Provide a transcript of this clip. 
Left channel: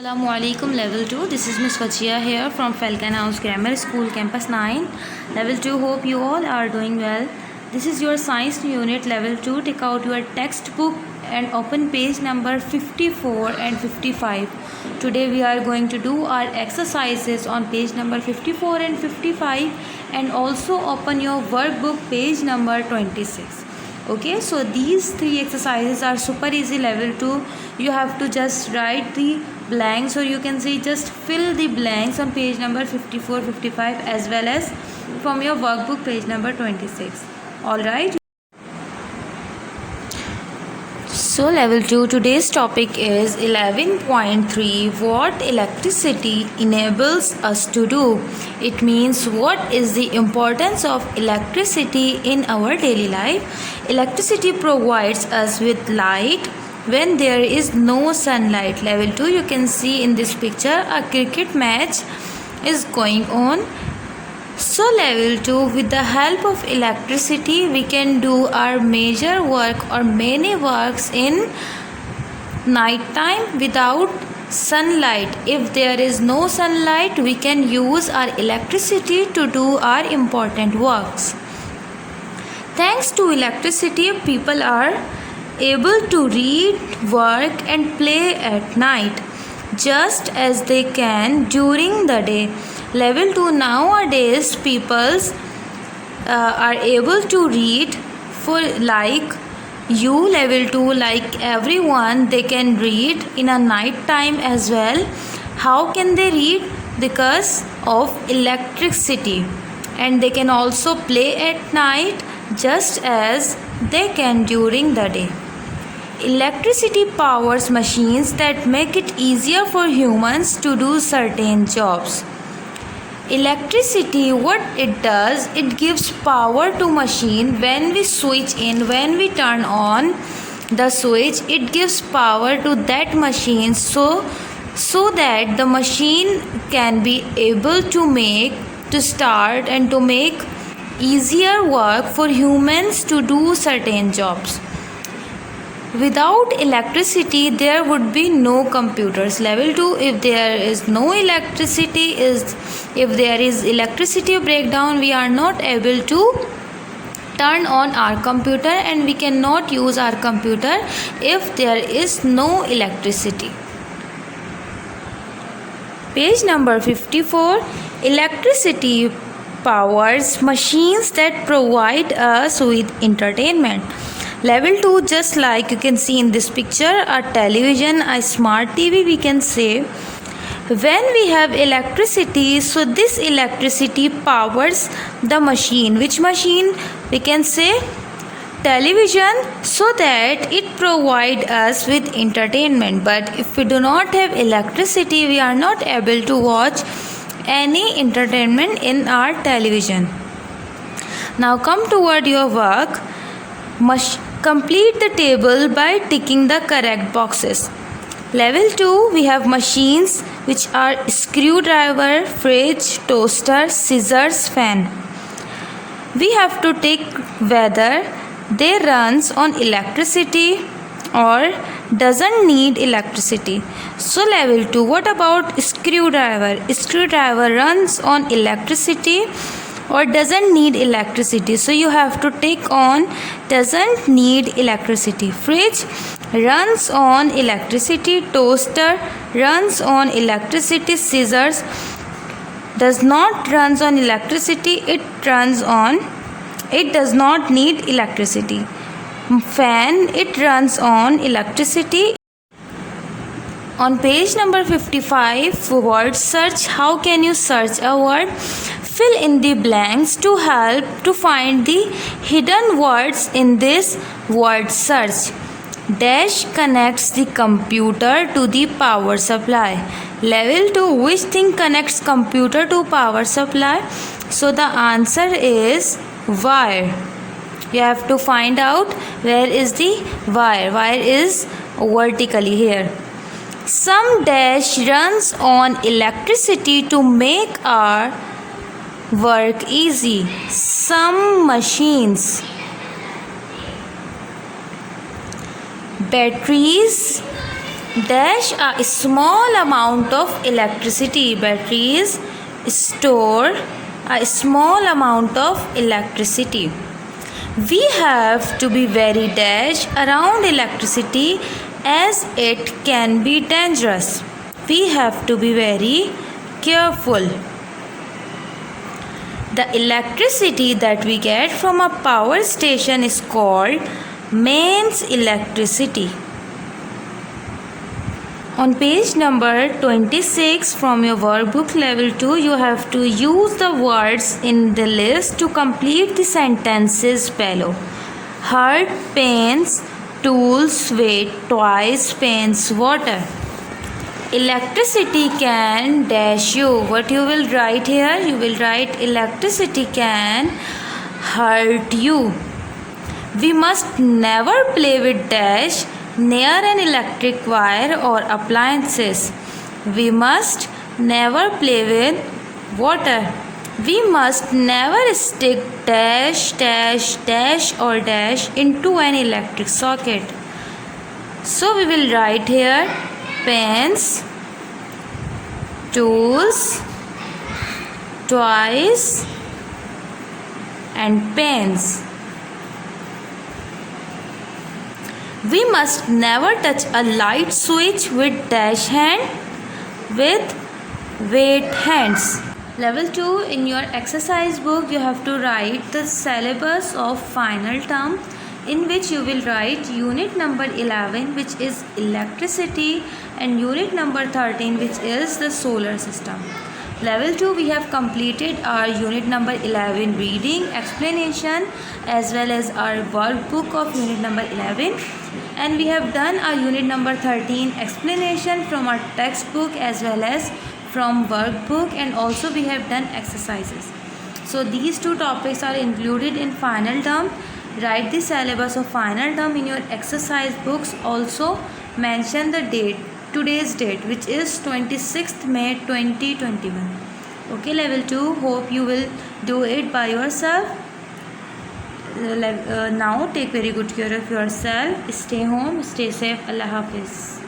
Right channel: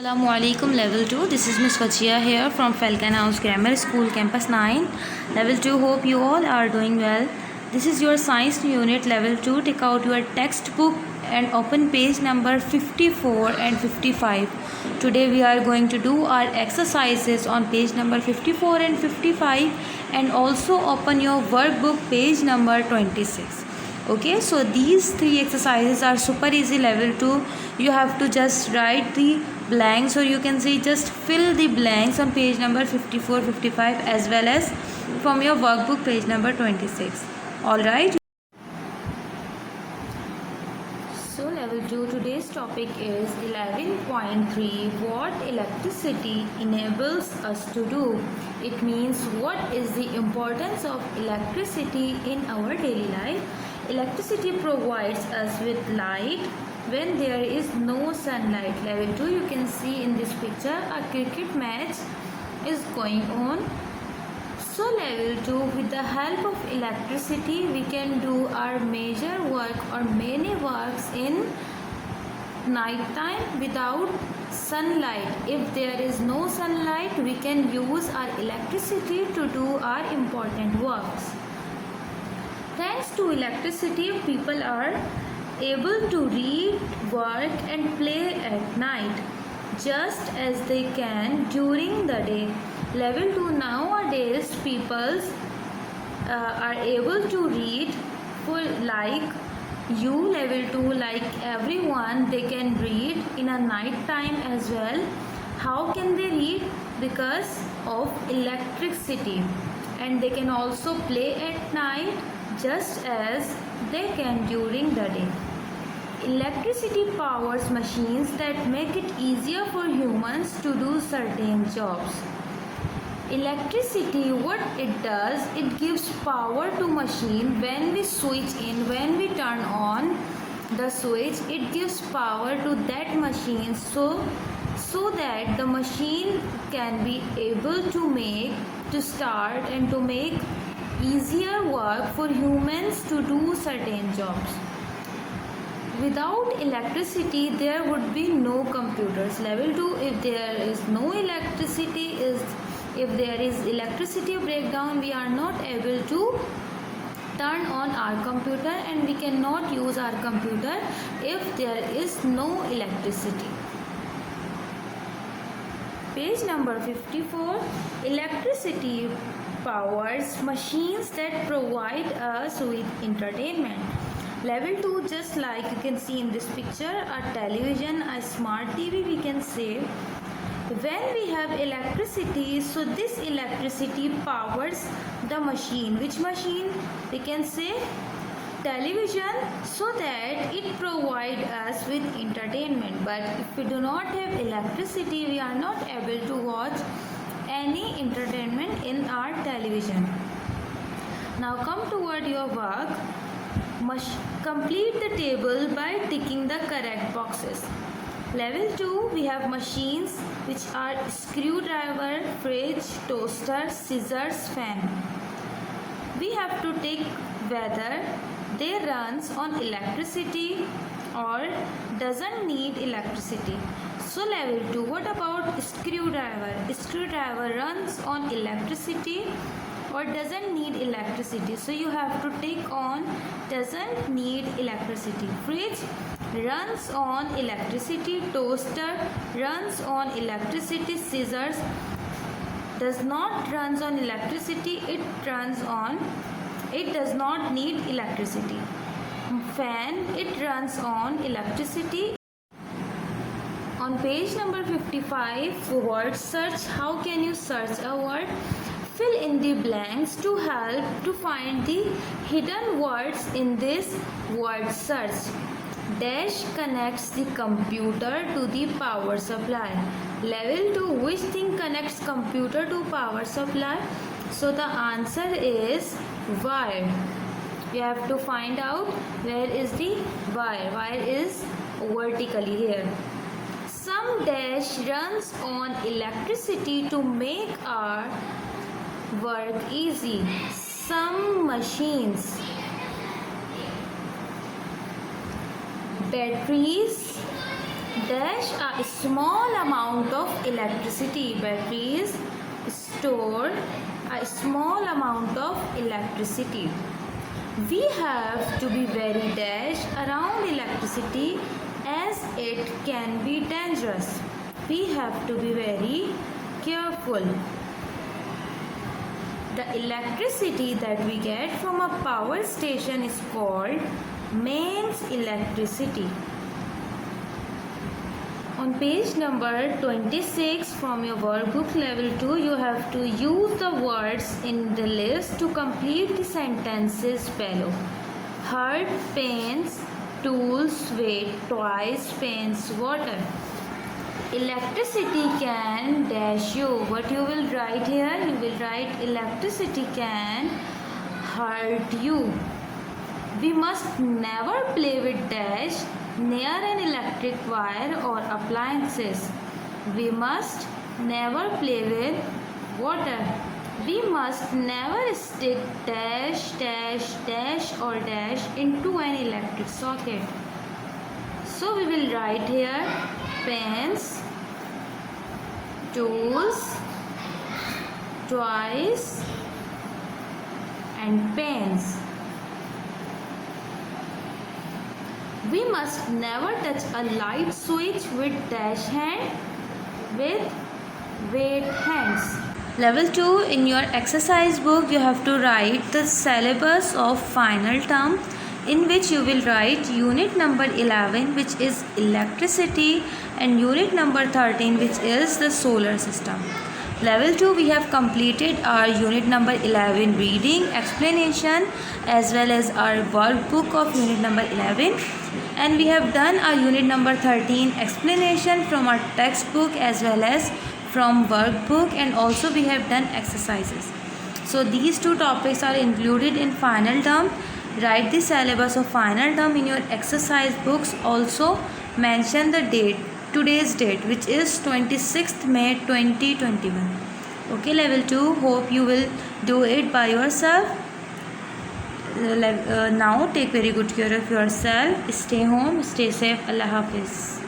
Assalamualaikum level 2. This is Miss Fachia here from Falcon House Grammar School Campus 9 level 2. Hope you all are doing well. This is your science unit level 2. Take out your textbook and open page number 54 and 55. Today we are going to do our exercises on page number 54 and 55, and also open your workbook page number 26. Okay, so these three exercises are super easy level 2. You have to just write the blanks, or you can say just fill the blanks on page number 54, 55, as well as from your workbook page number 26. All right. So level 2, today's topic is 11.3, what electricity enables us to do. It means what is the importance of electricity in our daily life. Electricity provides us with light when there is no sunlight. Level 2, you can see in this picture a cricket match is going on. So level 2, with the help of electricity we can do our major work or many works in night time without sunlight. If there is no sunlight, we can use our electricity to do our important works. Thanks to electricity, people are able to read, work and play at night just as they can during the day. Level 2, nowadays people are able to read, for like you level 2, like everyone, they can read in a night time as well. How can they read? Because of electricity. And they can also play at night just as they can during the day. Electricity powers machines that make it easier for humans to do certain jobs. Electricity, what it does, it gives power to machine. When we switch in, when we turn on the switch, it gives power to that machine so that the machine can be able to start and to make easier work for humans to do certain jobs. Without electricity, there would be no computers. Level 2, if there is no electricity, if there is electricity breakdown, we are not able to turn on our computer, and we cannot use our computer if there is no electricity. Page number 54, electricity powers machines that provide us with entertainment. Level 2, just like you can see in this picture, a television, a smart TV, we can say. When we have electricity, so this electricity powers the machine. Which machine? We can say television, so that it provides us with entertainment. But if we do not have electricity, we are not able to watch any entertainment in our television. Now come toward your work. Complete the table by ticking the correct boxes. Level 2, we have machines which are screwdriver, fridge, toaster, scissors, fan. We have to tick whether they runs on electricity or doesn't need electricity. So level 2, what about screwdriver? Screwdriver runs on electricity or doesn't need electricity. So you have to tick on doesn't need electricity. Fridge runs on electricity. Toaster runs on electricity. Scissors does not runs on electricity. It does not need electricity. Fan, it runs on electricity. On page number 55, word search. How can you search a word? Fill in the blanks to help to find the hidden words in this word search. Dash connects the computer to the power supply. Level 2, which thing connects computer to power supply? So the answer is wire. You have to find out where is the wire. Wire is vertically here. Some dash runs on electricity to make our work easy. Some machines, batteries Dash a small amount of electricity. Batteries store a small amount of electricity. We have to be very dash around electricity as it can be dangerous. We have to be very careful. The electricity that we get from a power station is called mains electricity. On page number 26 from your workbook level 2, you have to use the words in the list to complete the sentences below. Heart, pains, tools, weight, toys, pens, water. Electricity can dash you. What you will write here? You will write electricity can hurt you. We must never play with dash near an electric wire or appliances. We must never play with water. We must never stick dash, dash, dash or dash into an electric socket. So we will write here pens, tools, toys and pens. We must never touch a light switch with dash hand with weight hands. Level 2, in your exercise book you have to write the syllabus of final term, in which you will write unit number 11, which is electricity, and unit number 13, which is the solar system. Level 2, we have completed our unit number 11 reading, explanation as well as our workbook of unit number 11, and we have done our unit number 13 explanation from our textbook as well as from workbook, and also we have done exercises. So these two topics are included in final term. Write the syllabus of final term in your exercise books. Also mention the date, today's date, which is 26th May 2021. Okay, level 2, hope you will do it by yourself. Now take very good care of yourself. Stay home, stay safe. Allah Hafiz.